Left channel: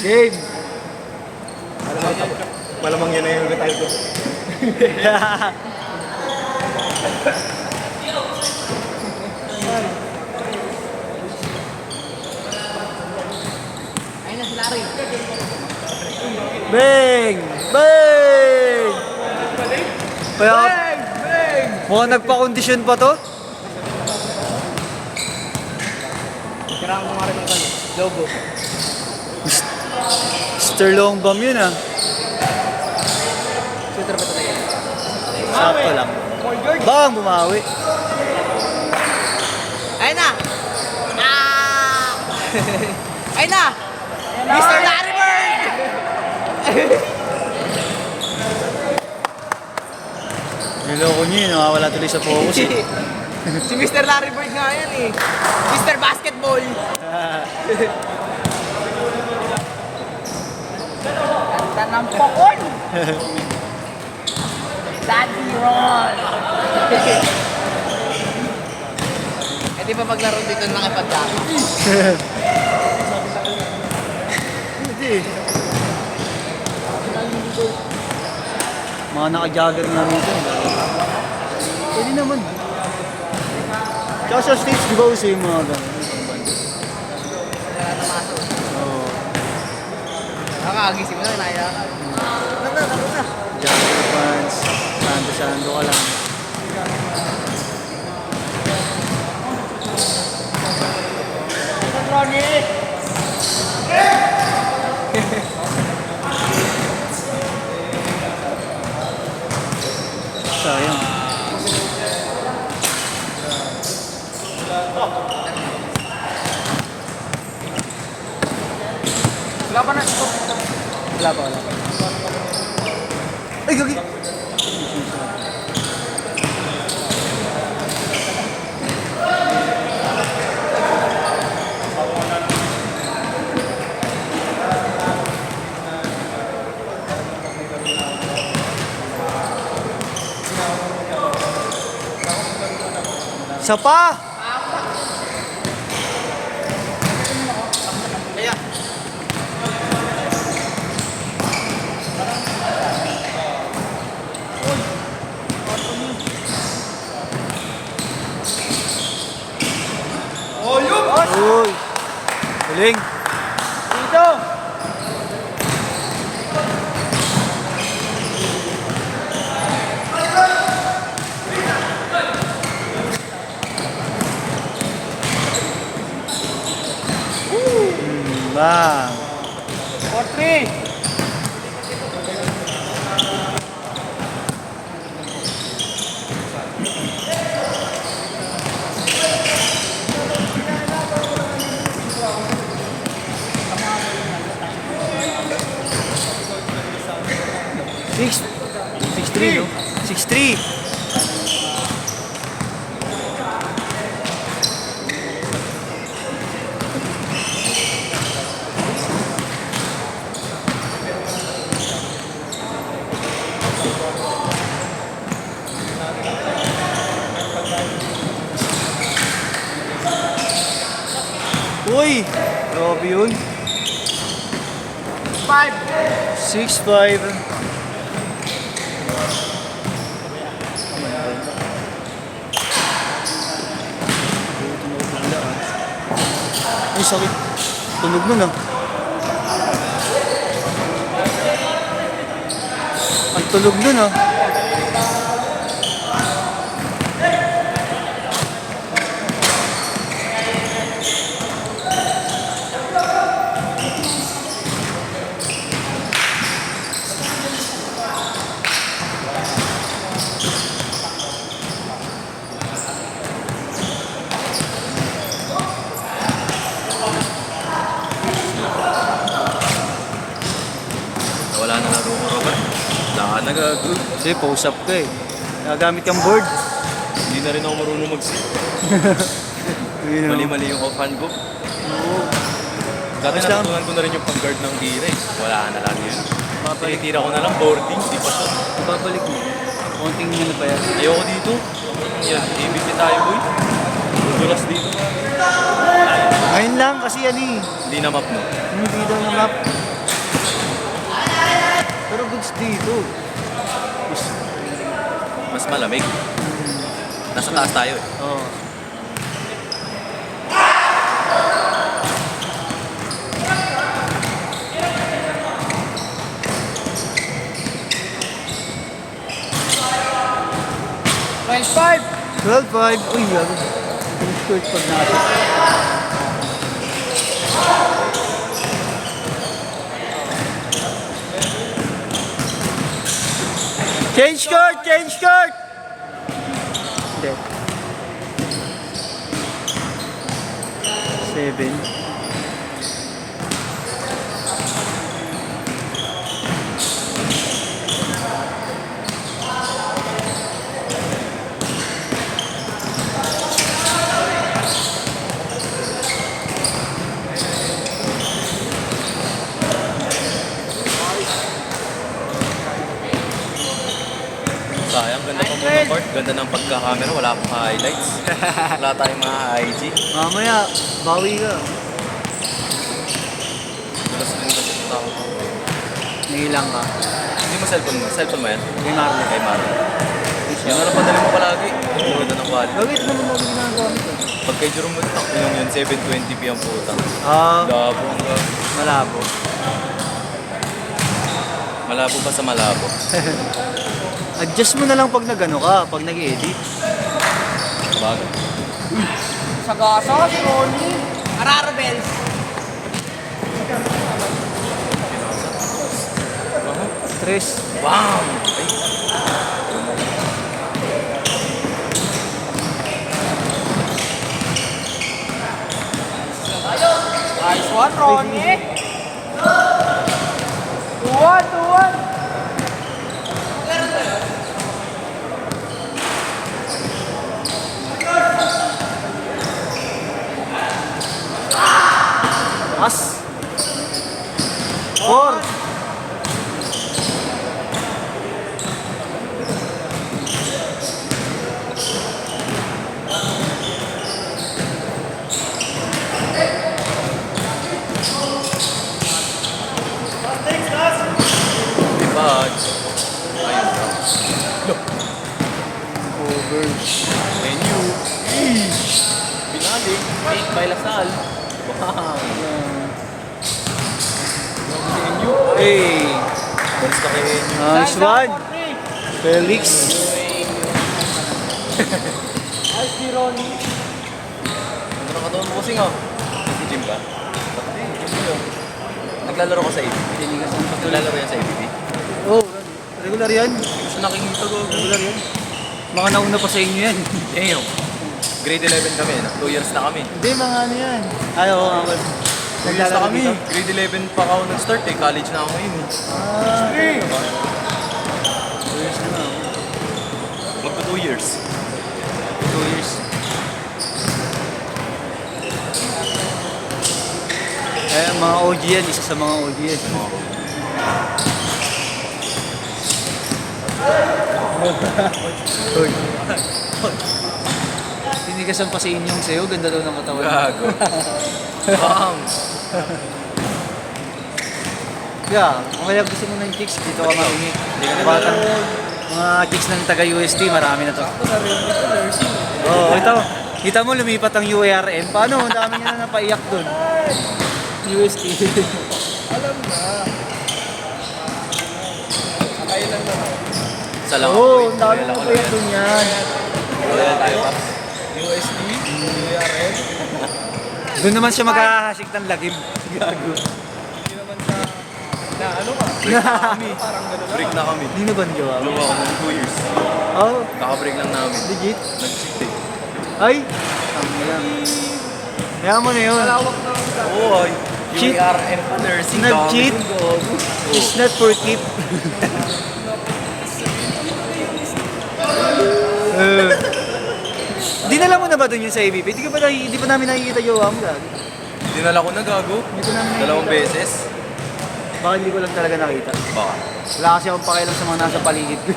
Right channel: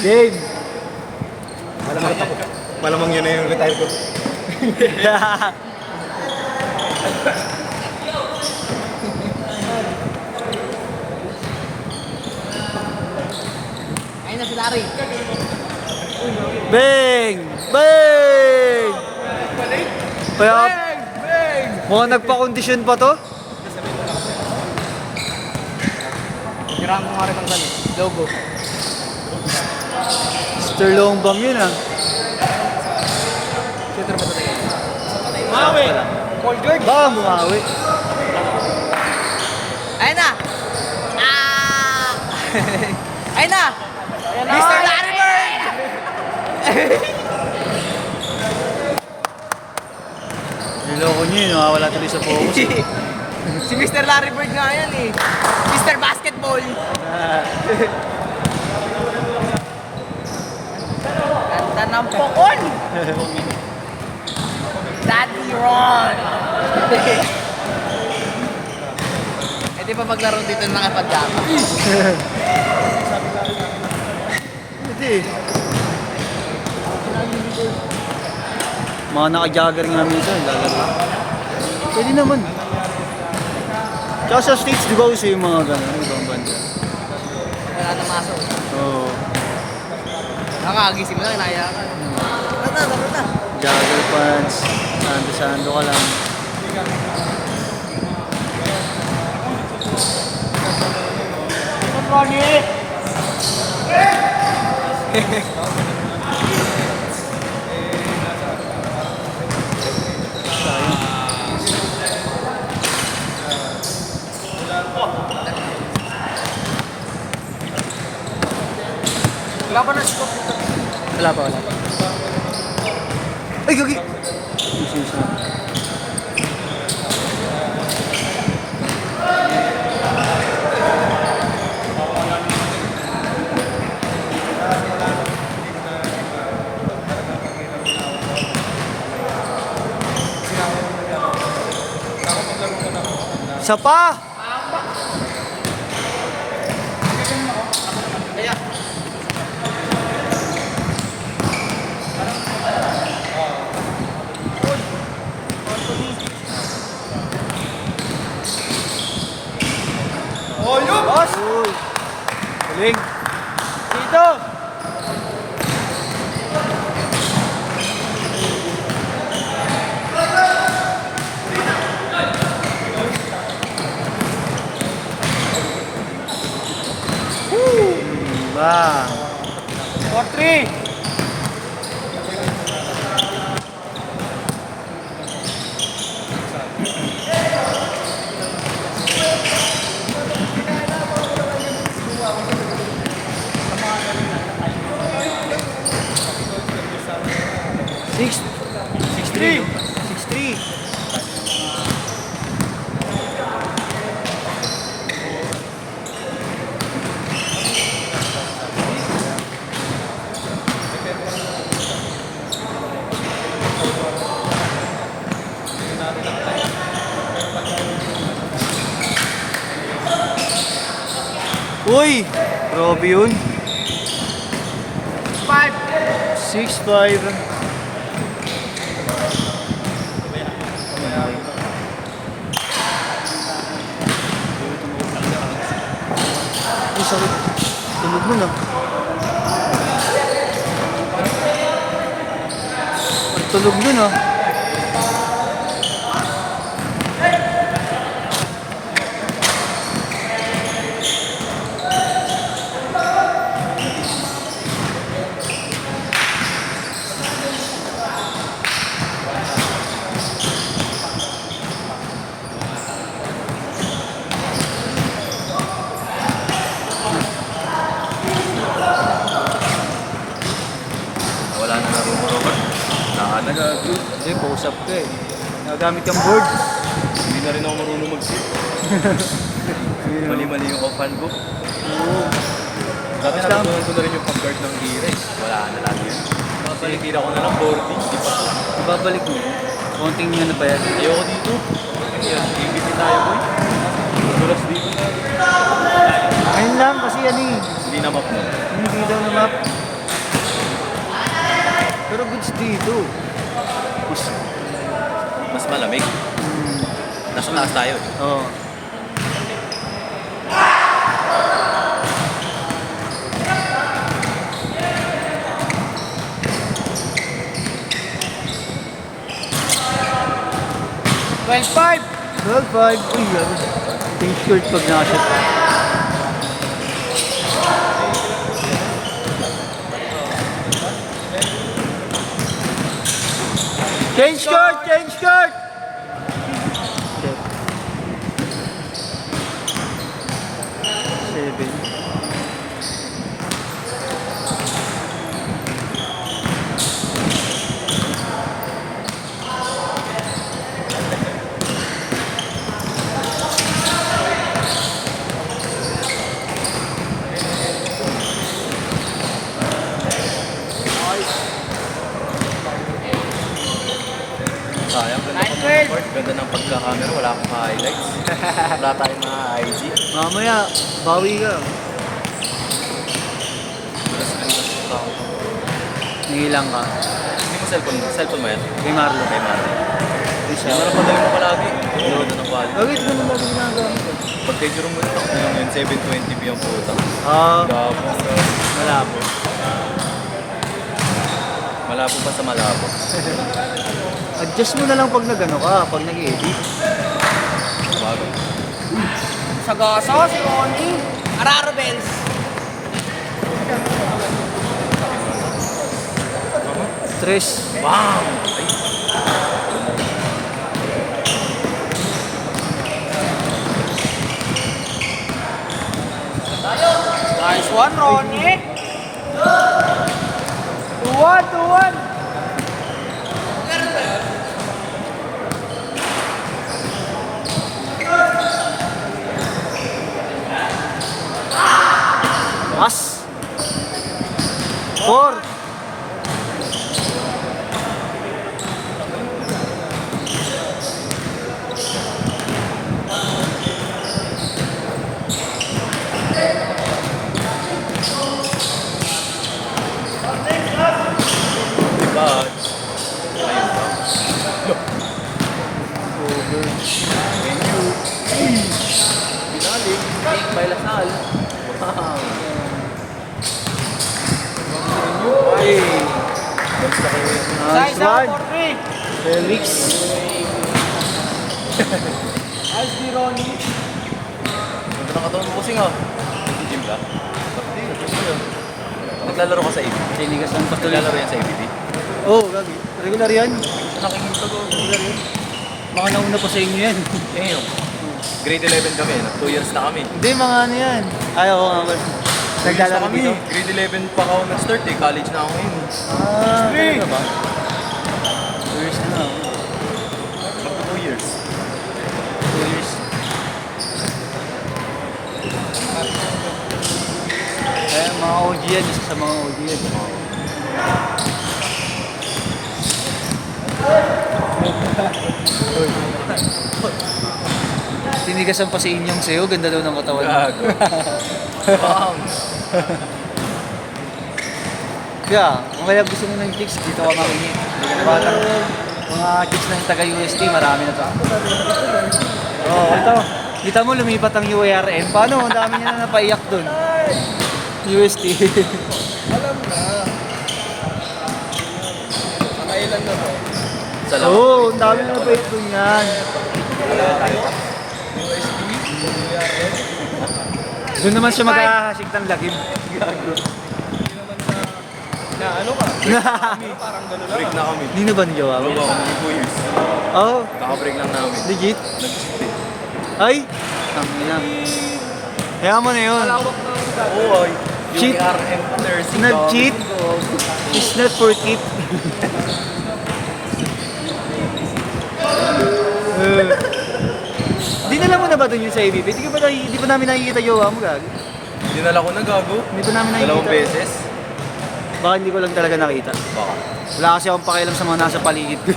Game! Malamang yun na yung retire ko. Ayun na si Larry. Bang! Bang! Kaya, mukhang nagpa-kondisyon pa to? Tirang mo nga rin ang gano'n. Logo. Mr. Long Bam yun ah. Shooter ba talaga? Sakto lang. Baka bumawi. Ayun na! Ah! Ayun na! Mr. Larry Bird! Niloko nyo yun, nakawala tuloy sa focus. Si Mr. Larry Bird nga yan eh. Mr. Basketball. Ganda ng pokon! Daddy Ron! Eh di ba maglaro dito nakapadyama? Hindi. Mga naka-jogger nga minsan. Pwede naman. Tsaka sa States, di ba uso yung mga gano'n? Ibang banda. Oo. Nakagising mo na, inaya. Tara. Jogger pants. Sando-sando ka lang. Ronnie! Wala pa na. Wala pa. Ay, gagi! Isa pa! Uy! Galing! Dito! Bang! 4-3! Six, 6-3. 6-3. Uy! Grabe yun. 6-5. Ay, sakit. Tunog nun ah. Ang tunog nun ah. Hindi, post-up ka eh. Nagamit yung board. Hindi na rin ako marunong mag-sit. Mali-mali yung off-hand ko. Oo. Dati natutunan ko na rin yung pag-guard ng tira eh. Wala na lang yun. Tinitira ko na lang boarding, di pa siya. Ibabalik mo. Konting ano pa yan. Ayoko dito. Yan, ABT tayo boy. Buras dito. Ayun lang, kasi yan eh. Hindi na map mo. Hindi daw na map. Pero goods dito. Mas malamig. Nasa taas tayo. Oo. Five. 12-5. Uy, laro. Yung short pag nasa. Change court! Change court! Hindi. 7. Sayang, ganda ng mga court. Ganda ng pagka-camera. Wala akong highlights. Wala tayong mga IG. Mamaya, bawi ka. Wala sa mga tao. Nilang ka. Hindi mo cellphone mo? Cellphone mo yan? Kay Marlo. Kay Mara. Yan na lang padali mo palagi. Ang ganda ng quality. Bakit naman lagi ginagamit ka? Pag kay Jerome mo ito, yung 720p ang puta. Labo. Malabo. Malabo pa sa malabo. Adjust mo na lang pag nag-ano ka, pag nag-edit. Bago. Sagasa, si Ronnie. Araro Bells. Mama? Stress. Bam! Ay! Nice one, Ronnie. 2-1. Mas. 4. Bad. Ayun ba? Over. And you. Binalik. Big by Lasal. Wow. And you. Hey. Basta kayo. Nice one. Felix. Nice ni Ronnie. Ganda ng katawan mo kasing ah. Nag-gym ka? Ba't hindi? Nag-gym mo yun. Naglalaro ka sa ABB? Tinigas ang pakilala. Naglalaro yan sa ABB? Oo, oh, gabi. Regular yan. Gusto nakikita ko. Regular yan. Baka nauna pa sa inyo yan. Eh yun. Grade 11 kami. 2 years na kami. Hindi, mga ano yan. Ayaw ko nga. 2 years na kami. Grade 11 pa ako nag-start eh. College na ako ngayon. Ah, talaga ba? Years na ako. Magpo 2 years. 2 years. Eh, mga OG yan. Isa sa mga OG yan. Tinigasan pa si Inyong sa'yo. Ganda daw ng katawan. Gago. Bam! Yeah, kung kaya gusto mo ng chicks, dito ka makingi. Batang mga chicks ng taga-UST, marami na to. Oh, ito. Kita mo, lumipat ang UARN. Paano? Ang dami niya na napaiyak dun. UST. Salamat. Oo, ang dami na napaiyak dun yan. USD? Doon naman siya mag-ahasik ng lagim. Gago. Break na kami. Break na kami. Hindi na ba nigawa mo? Gawa ko ng 2 years. Oh, Kaka-break lang namin. legit? Nag-cheat eh. Ay, ang ina. Kaya mo na yun. Oo, Cheat. Nag-cheat. It's not for keep. Dinala mo na ba doon yung sa ABP? Di pa namin nakikita yung mo gago. Dinala ko na gago. Hindi ko namin nakikita. Dalawang beses. Baka hindi ko lang talaga nakita. Baka. Wala kasi akong pakialam sa mga nasa paligid ko.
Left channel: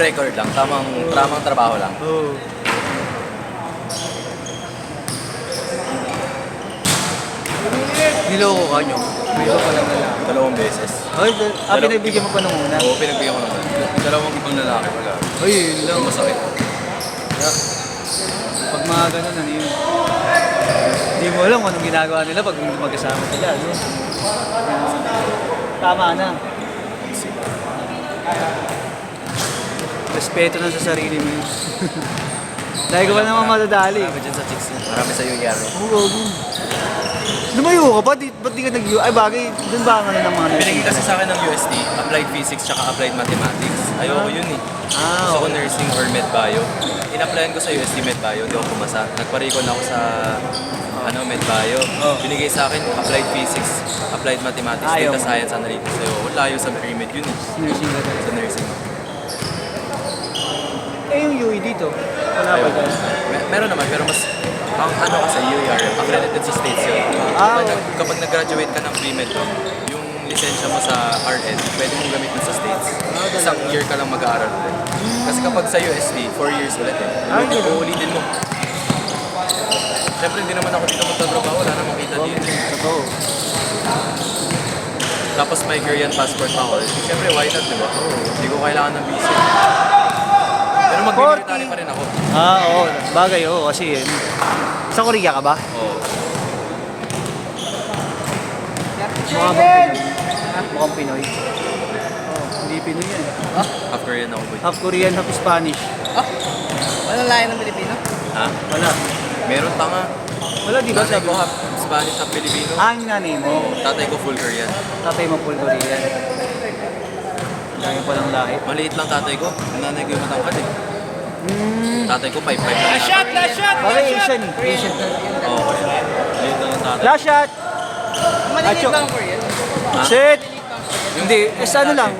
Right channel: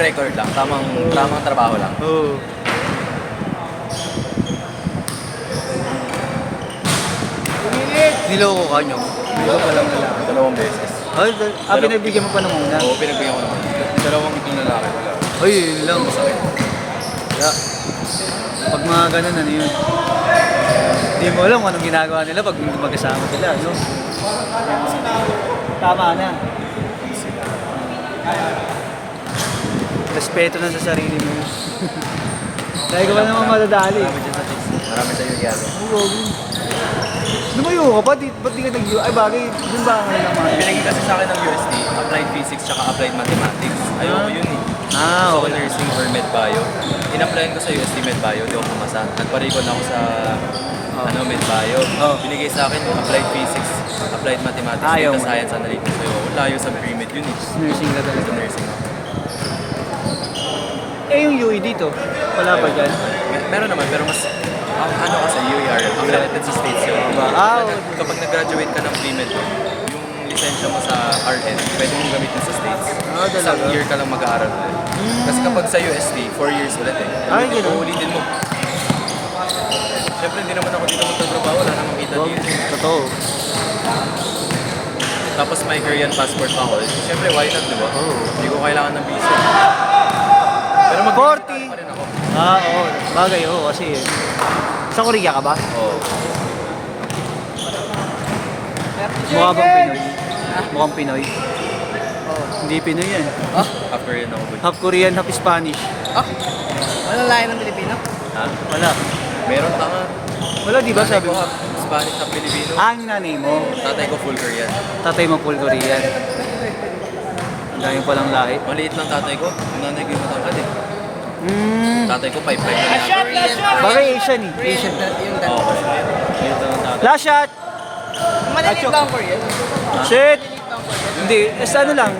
Record lang. Tamang trabaho lang. Oo. Niloko ka nyo. Ikaw palang lalaki. Dalawang beses. Ay, pinagbigyan mo pa nung una. Oo, pinagbigyan ko naman. Dalawang ang lalaki, wala. Ay, yun lang. Lang masakit. Pag mga ganun, ano yun? Hindi mo alam kung anong ginagawa nila pag hindi magkasama pala, no? Tama na. Respeto na sa sarili mo. Dahil ka ba naman madadali? Marami dyan sa chicks. Marami sa iyo gyaro. Oo, lumayo ka ba? Ba't di ka nag-U? Ay bagay, dun ba ka nga naman? Pinagi kasi sa akin ng UST, Applied Physics tsaka Applied Mathematics. Ayoko yun eh. Gusto ko nursing or med bio. In-applyan ko sa UST med bio, di ako pumasa. Nagparikon ako sa med bio. Binigay sa akin Applied Physics, Applied Mathematics, Ayaw. Data Science, Analytics. Ayoko, layo sa pre-med yun eh. Nursing ka talaga. Sa nursing. Eh yung UE dito, wala ba Ayoko. dyan? Meron naman, pero mas ang ano kasi UAR, accredited sa states yun. Kapag nag-graduate ka ng pre-med yun, yung lisensya mo sa RN, pwede mong gamitin sa states. Isang year ka lang mag-aaral ulit. Kasi kapag sa UST, 4 years ulit eh. Uulitin mo. Siyempre, hindi naman ako dito magtatrabaho, wala namang kita dito. Totoo. Tapos may Korean passport pa ako. Siyempre, why not, di ba? Hindi ko kailangan ng visa. Pero mag-military pa rin ako. Oo. Bagay, oo. Kasi, sa Korea ka ba? Oo. Mukha bang Pinoy? Mukhang Pinoy. Hindi Pinoy yan. Half Korean ako, boy. Half Korean, half Spanish. Walang lahi ng Pilipino? Ha? Wala. Meron tanga. Wala, di ba Nanay sabi ko mo? half Spanish, half Filipino. Ang nanay mo. Tatay ko full Korean. Tatay mo full Korean. Ang dami palang lahi. Maliit lang tatay ko. Ang nanay ko yung matangkad eh. Tatay ko 5'5 lang yata. Bagay Asian eh. Asian. Oo, kasi maliit lang ang tatay. Last shot! Malilit ba ang Korean? Set! Hindi, sa ano lang,